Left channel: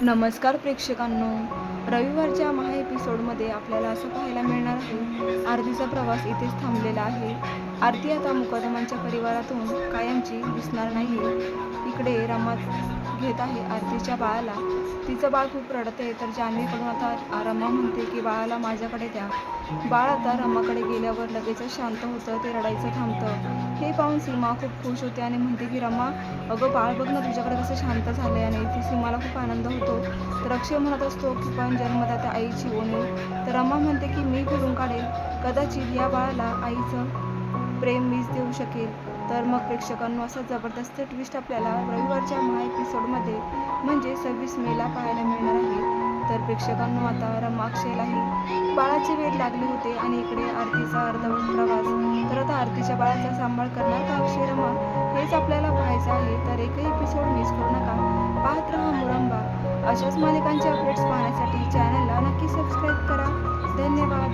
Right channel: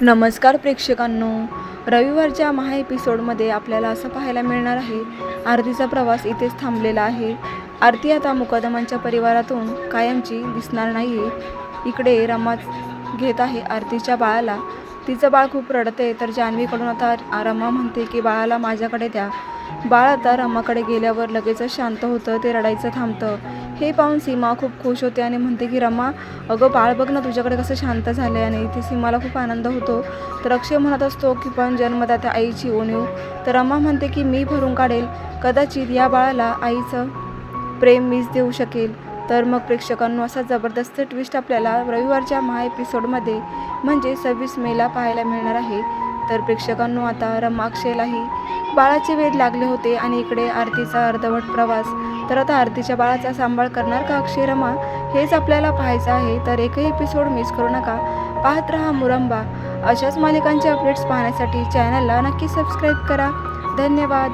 नमस्कार प्रेक्षकांनो. रविवारच्या महा एपिसोडमध्ये आपल्याला असं पाहायला मिळणार आहे आरतीचा प्रवास इथेच थांबलेला आहे. आरती आता मुकदमांच्या परिवारातून कायमची दिसणार नाही आहे इकडे रमा घेत आहे आरतीच्या बाळाला. तिचं बाळ खूप रडते तर जान्हवीकडून आता रमा म्हणते की बाळाला माझ्याकडे द्या. बाळ आता रमाकडे गेल्यावर लगेचच शांत होतं ते रडायचं थांबतं. हे पाहून सीमा खूप खुश होते आणि म्हणते की रमा अगं बाळ बघ ना तुझ्याकडे कसं शांत झालं आहे आणि इथे सीमाला खूप आनंद होतो. तर अक्षय म्हणत असतो की पण जन्मदात्या आईची ओणीव तर रमा म्हणते की मी भरून काढेल. कदाचित या बाळाला आईचं प्रेम मीच देऊ शकेल. तर मग प्रेक्षकांनो असा जबरदस्त ट्विस्ट आपल्याला रविवारच्या महा एपिसोडमध्ये म्हणजे सव्वीस मेला पाहायला मिळणार आहे. तर प्रेक्षकांनो आता रमाक्षेलाही बाळाचे वेध लागले होते आणि इकडे आरतीचा अर्धवट प्रवास. तर आता आरतीच्या बाळाचा सांभाळ करणार का अक्षय रमा? हेच आपल्याला पाहायचं आहे. तर एकही एपिसोड मिस करू नका. पाहत रहा मुरंबा. अशाच मालिकांचे अपडेट्स पाहण्यासाठी चॅनलला नक्की सबस्क्राईब करा. धन्यवाद.